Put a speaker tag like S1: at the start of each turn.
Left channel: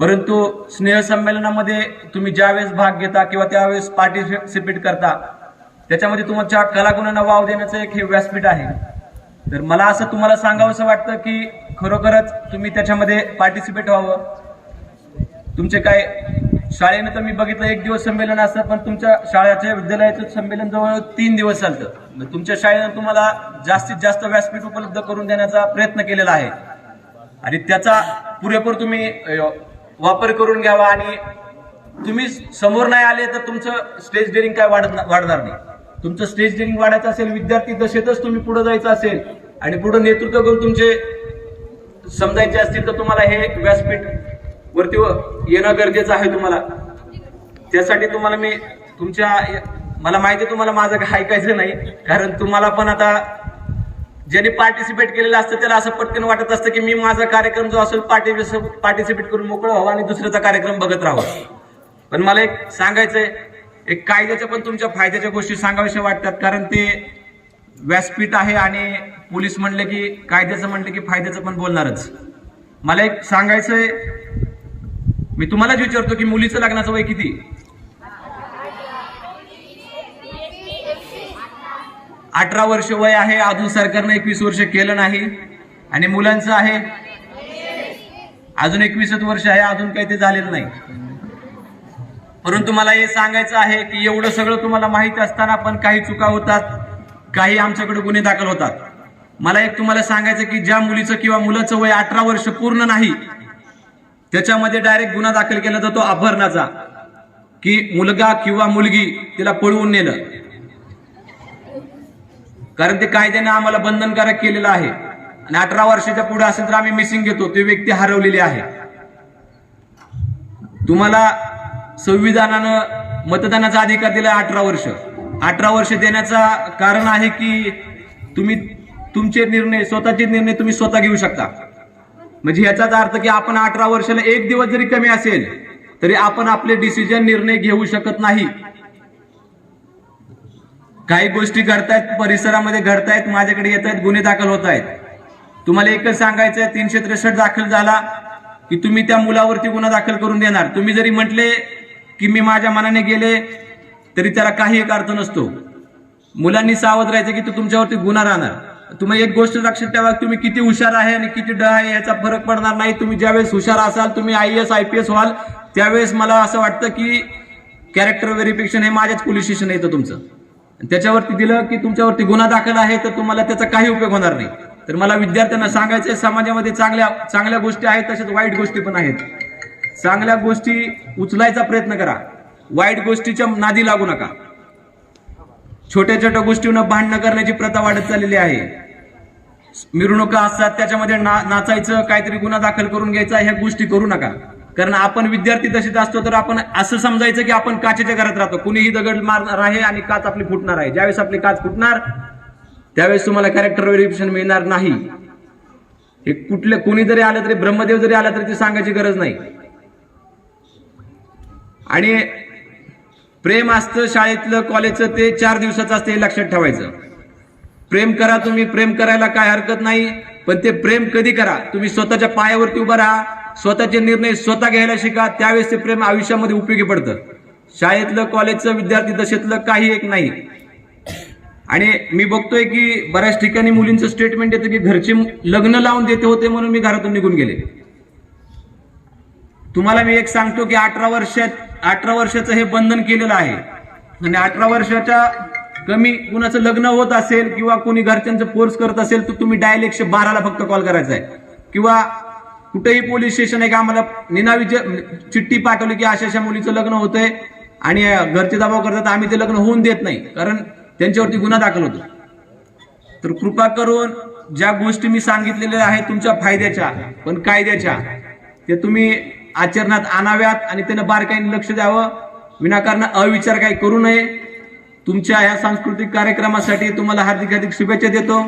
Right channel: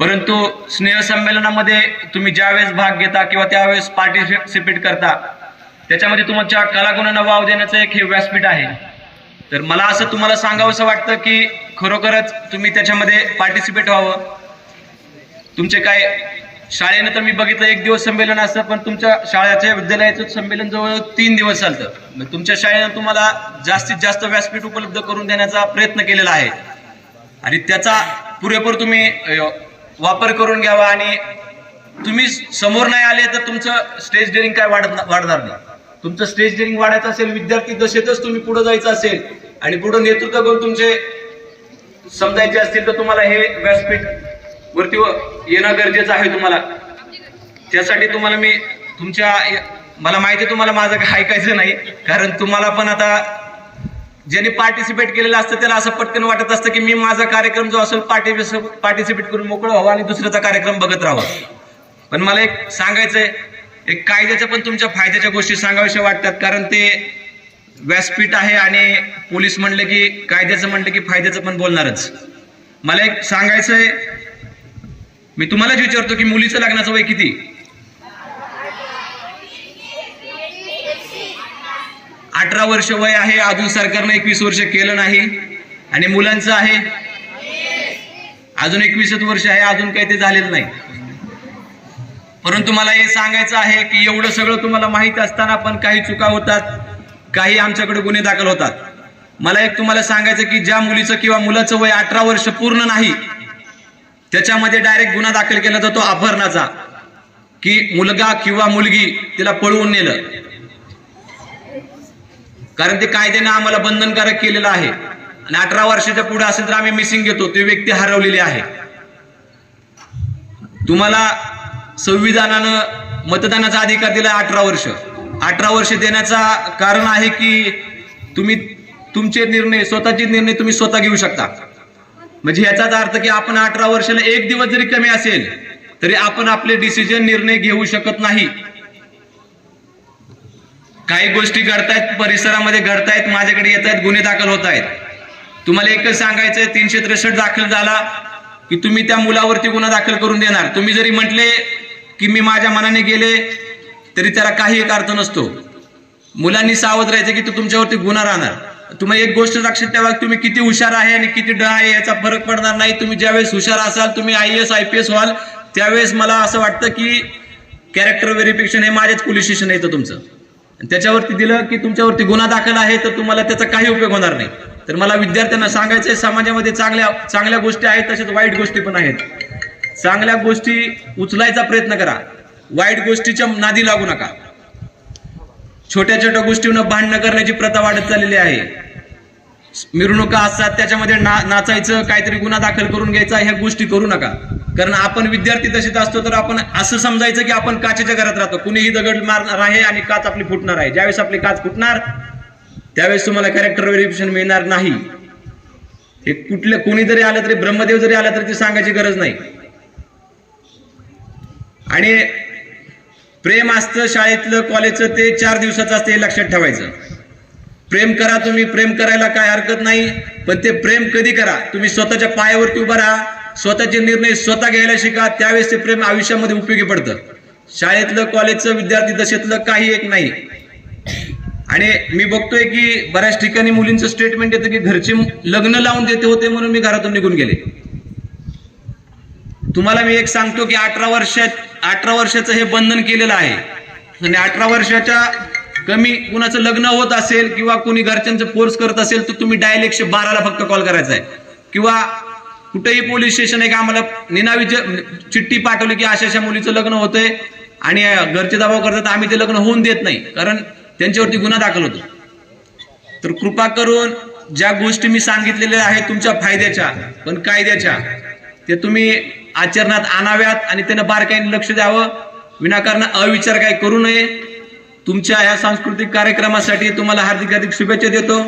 S1: परंतु स्नेहसंमेलनामध्ये तुम्ही ज्यावेळेस भाग घेता किंवा त्यावेळेस पार्टिसिपेट करता त्याच्यामध्ये तुमच्या कलागुणांना वाव देण्याचं एक हे व्यासपीठ आहे. तर मला असं तुम्हाला सांगावंसं वाटतं की खरोखरच तुम्ही त्याच्यामध्ये पार्टिसिपेट व्हावं. तुमचे काय शाळेनं तर मी बघितलं एक दिवस संमेलन असतं पण तुमच्या शाळेच्या विद्यालयाचं संमेलन जवळ तीन दिवस चालतं. तुमच्या शाळेनं तुम्हाला जास्तीत जास्त व्यासपीठ उपलब्ध करून देण्याचा प्रयत्न केलेला आहे. आणि त्याचा पुरेपूर तुम्ही वापर करून घ्यावा आणि तुम्ही समोर नाही आले तर तुमचं स्टेज डेअरिंग काय वाढत वाढणार नाही. तुमचं स्टेज डेअरिंग वाढायचं असेल विद्यार्थी दशेतच तुम्ही पुढे जायचं असेल आणि पुढे नेतृत्व करून तुमचे समजायचे असतील तर तुम्हाला हे व्यासपीठ वरती येणं गरजेचं आहे तुम्हाला. त्यासाठी तुम्हाला मी तुमच्या मला माहिती आहे तुम्हाला माझं काही ऐकायचं नाही कारण तुम्हाला पण आता ज्यांनी पार्टिसिपेट केलेलं असतं त्याला असं पटकन वाटत असतं की मी माझा कार्यक्रम जो असेल पार्टिसिपेट करून मोकळं व्हावं आणि दुसऱ्याचा कार्यक्रम बघत राहावं. पण मला एक सांगायचंय एक कायद्याच्या पण तुमच्या फायद्याच्या गोष्टी सांगाव्याशा वाटतात कारण ते व्यासपीठ आहे आणि पोलीस म्हणले की कायद्याचं म्हणलं की फायद्याचं पण बोलणारच. मला एक सांगायचंय मी तुम्हालाच विचारतो की मुलीचं लग्नाचं वय किती? अठरा वर्ष वय आहे अजून सरकारने एकवीस वर्ष केलं नाही. आणि मुलांचं आहे? अजून एकवीसच वर्ष आहे अजून काही ते झालेलं नाही. परंतु मला हे सांगायचं आहे की एवढं सगळं तुम्हाला माहीत असताना पण काही चुका होतात काही आमच्याकडे गुन्हे दाखल होतात. मला एक तुम्हाला सांगायचं की ज्या मुलीचं किंवा मुलाचं वय अठरा वर्ष पूर्ण नाही त्याच्यामध्ये डायरेक्ट गुन्हा दाखल केला जातो अपहरणाचा की मुलगा किंवा मुलगी तिला पळवून नेलं. कारण ते कायद्यानं आम्हाला बंधनकारक केलेलं आहे. आणि अठरा वर्षाच्या पुढे असेल तर आम्ही मिसिंग घेतो. ती व्यक्ती हरवलेली आहे. तुम्हाला संविधानानं मतदानाचा अधिकार दिला अठरा वर्ष. अठरा वर्ष देण्याचा कारण आहे की तुम्ही तुमचे निर्णय स्वतःचे निर्णय तुम्ही स्वतः घेऊ शकता. म्हणजे याचाच अर्थ की आपण अठरा वर्षाला एक दिवस जरी कमी असेल तरी आपण आपले डिसिजन निर्णय घेऊ शकत नाही. काही गोष्टी घडतायत परिसरामध्ये घडतायत माझ्याकडे येत आहेत गुन्हे दाखल होत आहेत तुम्हाला एकच सांगायचं तीनशे त्रेसष्ट दाखल झाला की तुम्ही त्या मुलावरती गुन्हा दाखल करून देणार. तुम्ही जरी म्हटले की मी माझ्या मनाने गेले तरी त्याला काही एक अर्थ नसतो. मुलांनी सावध राहायचं की तो तुमच्यावरती गुन्हा राहणार. तुम्ही एक गोष्ट लक्षात ठेवा तुम्ही किती हुशार आहे आणि किती ड आहे याचा फरक पडणार नाही. तुम्ही ज्यावेळेस हुशार असाल तुम्ही I S I P S व्हाल त्यावेळेस मला असं वाटतं की कॅरेक्टर व्हेरिफिकेशन हे माझ्याच पोलीस स्टेशन येतं तुमचं. त्याच्यावरती दिलं की तुमच्यावरती गुन्हा दाखल आहे तर तुम्हाला त्याचा काही उपयोग होणार नाही. तर मला विद्यार्थ्यांना सांगायचंय समाजामध्ये चांगल्या चांगल्या गोष्टी आहेत तसेच वाईट गोष्टी पण आहेत. चांगल्या गोष्टी उचलायचा प्रयत्न करा. वाईट गोष्टीच्या नादी लागू नका. छोट्या छोट्या गोष्टींना भांडणं करण्याची प्रथा वाढत चाललेली आहे. मिरवणुका असतात त्याच्यामध्ये ना नाचायचं काहीतरी गुन्हा दाखल करून घ्यायचा ह्या गोष्टी करू नका. कारण आपण विद्यार्थी तसेच असतो तर आपण असं समजायचं की आपण काचेच्या घरात राहतो. कुणीही दगड मारणार आहे आणि काच आपली फुटणार आहे. ज्यावेळेस आपली काच फुटणार त्यावेळेस तुम्हाला कॅरेक्टर व्हेरिफिकेशन मिळणार नाही. हे कुठलं कोणी जरी आलं तरी ब्रह्मदेव जरी आला तरी ते सांगायची गरज नाही. आणि प्रेम असतं शाळेतलं कॉलेजचं ते चार दिवसाचं असतं हे लक्षात ठेवायचं. प्रेम करा तुम्ही प्रेम करायला काय हरकत नाही पण ते प्रेम कधी करा? तुम्ही स्वतःच्या पायावरती उभा राहा स्वतःचे निर्णय स्वतः घ्यायला शिका त्यावेळेस ते प्रेम आयुष्यामध्ये उपयोगी पडतं. शाळेतलं कॉलेजचं विद्यार्थी दशेतलं काही एक नाही. आणि मी बघतोय की बऱ्याच ठिकाणी मुलींचं स्टेटमेंट येतं की घरचे लग्न लावून देते होते म्हणून मी घरातून निघून गेले. तुम्हाला मी एक सांगतो की अठरा वर्षात अठरा वर्षाचं हे बंधन केलेलं आहे. आणि अठरा वर्षाच्या कमी कुणाचं लग्न होत असेल किंवा कोणी घरच्यांचं फोर्स करत असेल तर तुम्ही डायल एकशे बाराला फक्त कॉल करायचा आहे. किंवा कुठेही पोलीस स्टेशन आहे का आम्हाला निनावी ज- म्हणजे चिठ्ठी पाठवली की अशा अशा मुलीचं लग्न होतंय आणि घरचे दबाव करतात आम्ही ते लग्न होऊन देत नाही. कारण त्यांच्यावरती गुन्हा दाखल होतो. तर कृपा करून ज्या गोष्टी मी सांगितलेल्या आहेत तुमच्या फायद्याच्या पण कायद्याच्या ते तुम्ही आचरणात आणाव्यात आणि त्यांना बारकाईने लक्ष द्यावं. विनाकारण अविचार काही करू नये. तुमच्या ह्या सांस्कृतिक कार्यक्रमासाठी तुम्हाला हार्दिक हार्दिक शुभेच्छा देतो.